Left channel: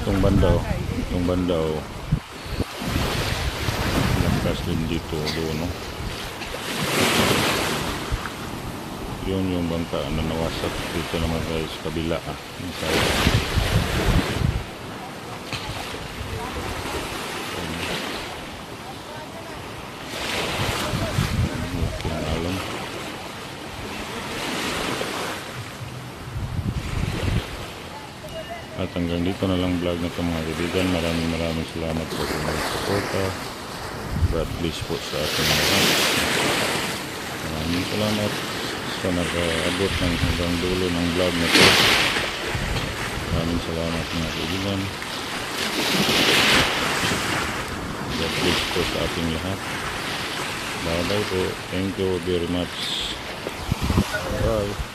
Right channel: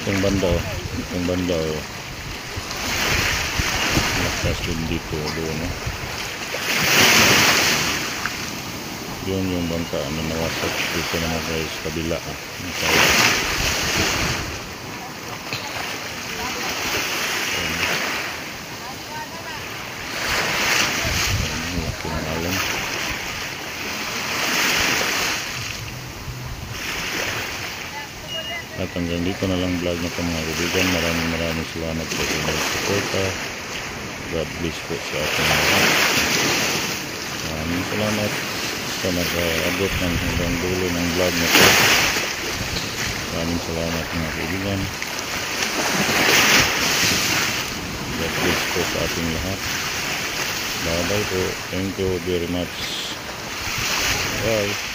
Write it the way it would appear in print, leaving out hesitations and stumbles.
Itong banda oh. Lakas din dito doon no. Yun yung bangka na nawasak dito naman guys, kabila laking alon. At hanggang dito na lang vlog na ito mga kaibigan. Maraming salamat sa inyong suporta. God bless po sa ating lahat. Maraming salamat sa nag-abot ng hanggang dulo ng vlog na ito. Maraming salamat mga kaibigan. God bless po sa ating lahat. Bye bye po. Thank you very much. Bye.